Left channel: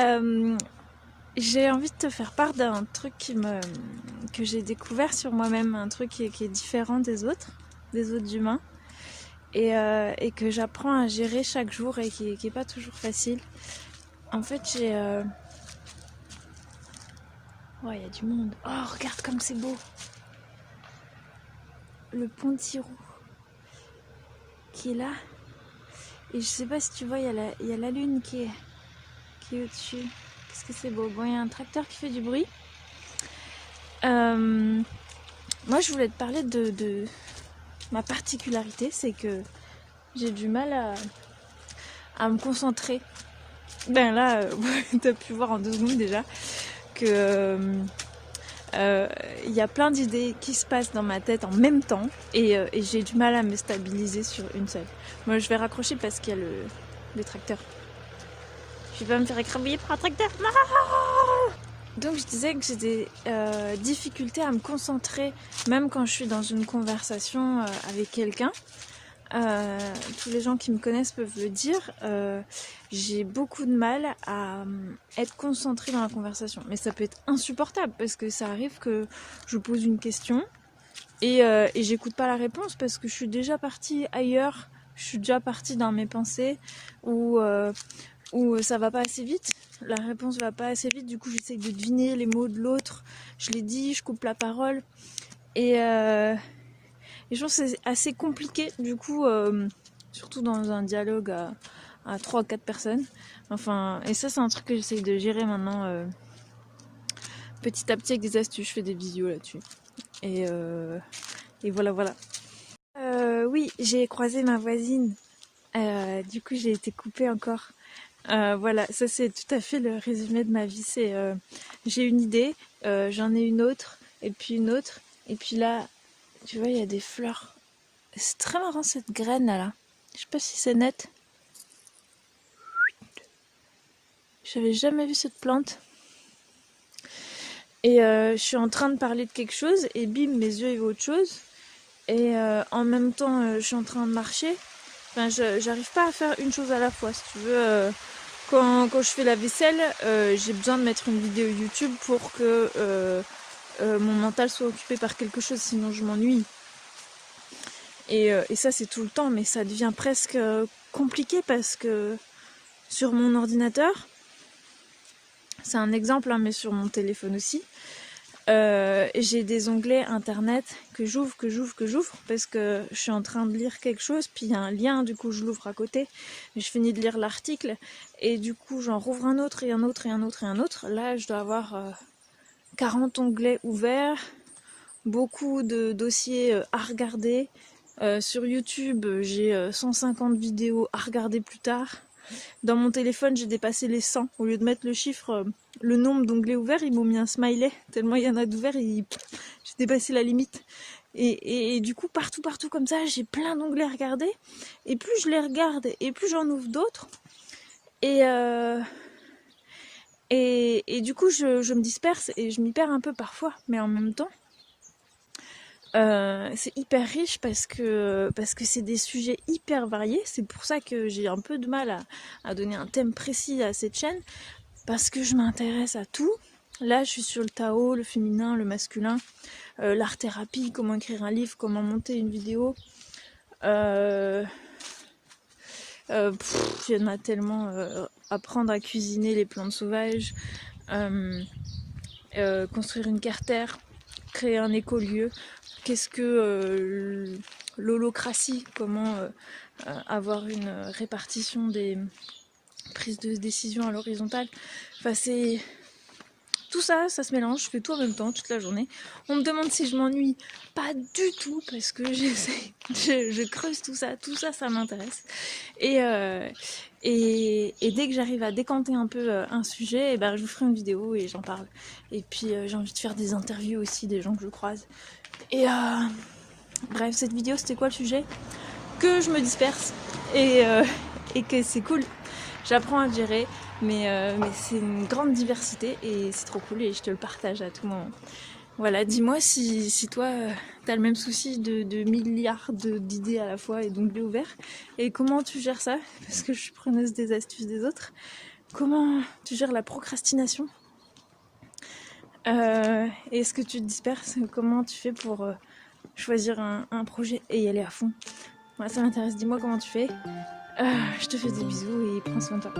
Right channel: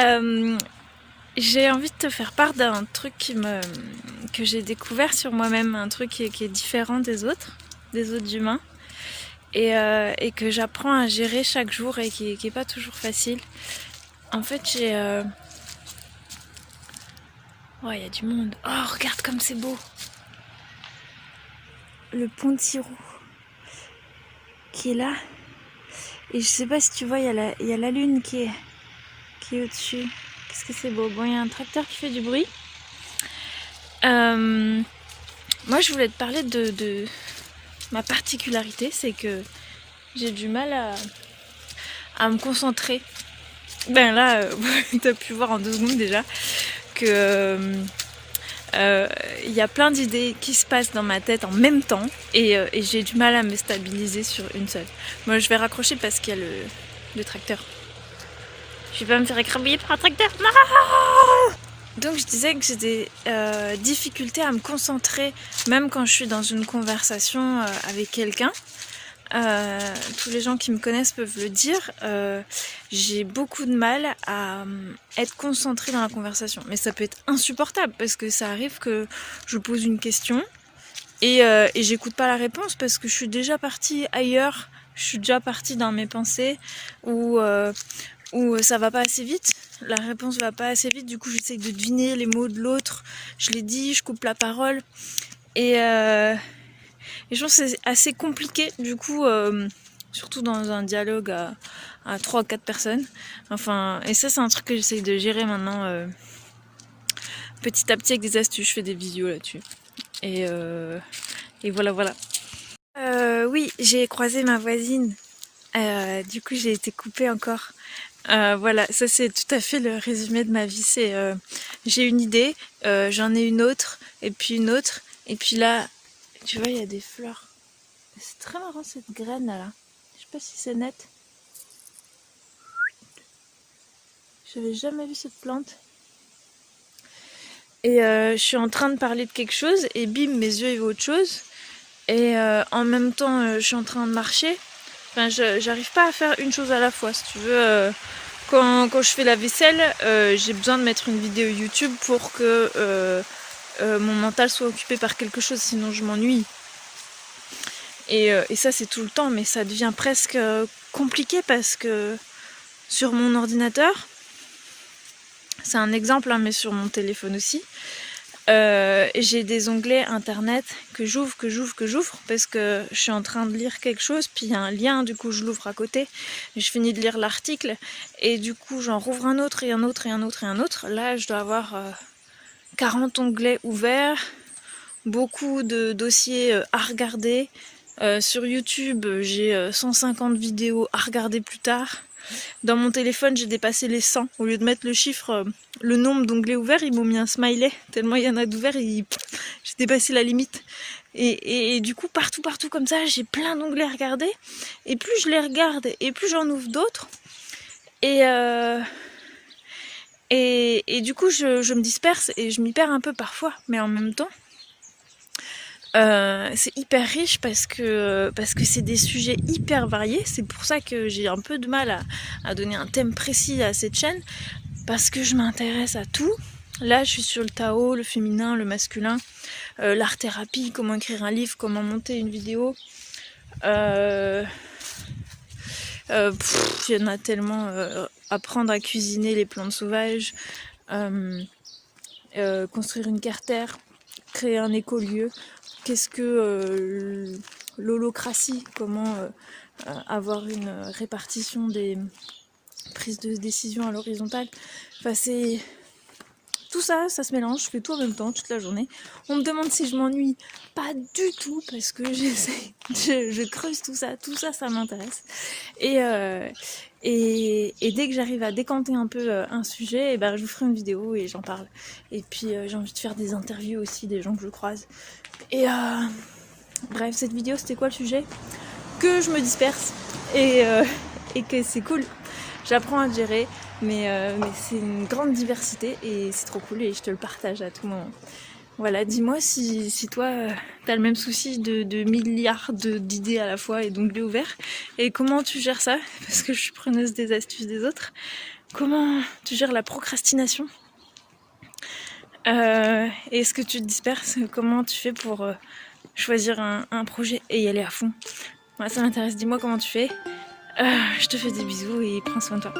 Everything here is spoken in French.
Euh, j'ai envie de te faire part d'un truc que j'ai découvert sur moi-même, un truc qui est différent des autres humains, et que j'apprends à gérer chaque jour et qui est pas toujours facile. En fait, Oh, il y a du monde. Oh, regarde comme c'est beau. Le pont de Tirou qui est là. Et je sais pas si tu vois, il y a la lune qui est au-dessus. Qu'est-ce que c'est beau. Bon, il y a un tracteur qui fait du bruit. Moi, je voulais te parler de ma particularité, c'est que j'ai du mal à me concentrer. Ben là, tu as pu voir en 2 secondes déjà que y a plein d'idées qui se passent dans ma tête en même temps et j'ai du mal à me stabiliser sur une seule. Moi, je vais raccrocher parce qu'il y a le tracteur. Je vais pas me faire écrabouiller par un tracteur. Non! Donc je disais que j'ai des difficultés à me concentrer même quand je suis dans une conversation avec quelqu'un. Tous les gens qui me connaissent peuvent le dire, j'ai beaucoup de mal à être concentrée dans la conversation. Mais ça peut être insupportable parce que ça arrive que je pose une question et j'écoute pas la réponse parce que je suis déjà partie ailleurs, je suis déjà partie dans mes pensées ou ça va pas assez vite, la réponse va pas assez vite, du coup j'essaye de deviner les mots de l'autre, je les dis, je coupe la parole et je pense que c'est assez compliqué du coup, surtout dans un dialogue à 3 ou 4 personnes. Enfin, et ça c'est un truc que j'essaye de gérer maintenant petit à petit avec des astuces, je fais des vidéos là-dessus. Et voilà voilà. Oui, j'ai croisé ma voisine, du coup j'ai été coupée encore. Voilà, ça c'est tout à fait le résumé de ma vie, c'est j'ai une idée, j'en ai une autre, et puis une autre, et puis là, tu vois, il y a des fleurs. C'est très marrant cette graine là. Je sais pas si c'est net. J'avais jamais vu cette plante. Et je suis en train de parler de quelque chose et bim, mes yeux ils voient autre chose. Et en même temps, je suis en train de marcher. Enfin, j'arrive pas à faire une chose à la fois. Si tu veux, quand je fais la vaisselle, j'ai besoin de mettre une vidéo YouTube pour que mon mental soit occupé par quelque chose, sinon je m'ennuie. Et ça c'est tout le temps, mais ça devient presque compliqué parce que sur mon ordinateur, c'est un exemple, hein, mais sur mon téléphone aussi, j'ai des onglets internet que j'ouvre parce que je suis en train de lire quelque chose, puis il y a un lien, du coup je l'ouvre à côté, et je finis de lire l'article, et du coup j'en rouvre un autre, et un autre, et un autre, et un autre. Là je dois avoir 40 onglets ouverts, beaucoup de dossiers à regarder. Sur YouTube, j'ai 150 vidéos à regarder plus tard. Dans mon téléphone, j'ai dépassé les 100. Au lieu de mettre le chiffre, le nombre d'onglets ouverts, ils m'ont mis un smiley. Tellement il y en a d'ouverts, j'ai dépassé la limite. Et du coup, partout comme ça, j'ai plein d'onglets à regarder. Et plus je les regarde, et plus j'en ouvre d'autres. Et du coup, je me disperse et je m'y perds un peu parfois. Mais en même temps, c'est hyper riche parce que c'est des sujets hyper variés. C'est pour ça que j'ai un peu de mal à donner un thème précis à cette chaîne, parce que je m'intéresse à tout. Là je suis sur le Tao, le féminin, le masculin, l'art thérapie, comment écrire un livre, comment monter une vidéo. Il y en a tellement. Apprendre à cuisiner les plantes sauvages, construire une cartère, créer un écolieu. Qu'est-ce que l'holocratie, comment avoir une répartition des prises de décision à l'horizontale. Enfin, c'est tout ça, ça se mélange, je fais tout en même temps toute la journée. On me demande si je m'ennuie, pas du tout, parce que je creuse tout ça, ça m'intéresse. Et dès que j'arrive à décanter un peu un sujet, et ben, je vous ferai une vidéo et j'en parle. Et puis j'ai envie de faire des interviews aussi des gens que je croise. Et bref, cette vidéo, c'était quoi le sujet? Que je me disperse et que c'est cool. J'apprends à gérer, mais c'est une grande diversité et c'est trop cool et je te le partage à tout moment. Voilà, dis-moi si toi t'as le même souci de milliards d'idées à la fois et d'onglets ouverts, et comment tu gères ça, parce que je suis preneuse des astuces des autres. comment tu gères la procrastination. Et est-ce que tu te disperses? Comment tu fais pour choisir un projet et y aller à fond? Moi, ça m'intéresse, dis-moi comment tu fais. Je te fais des bisous et prends soin de toi.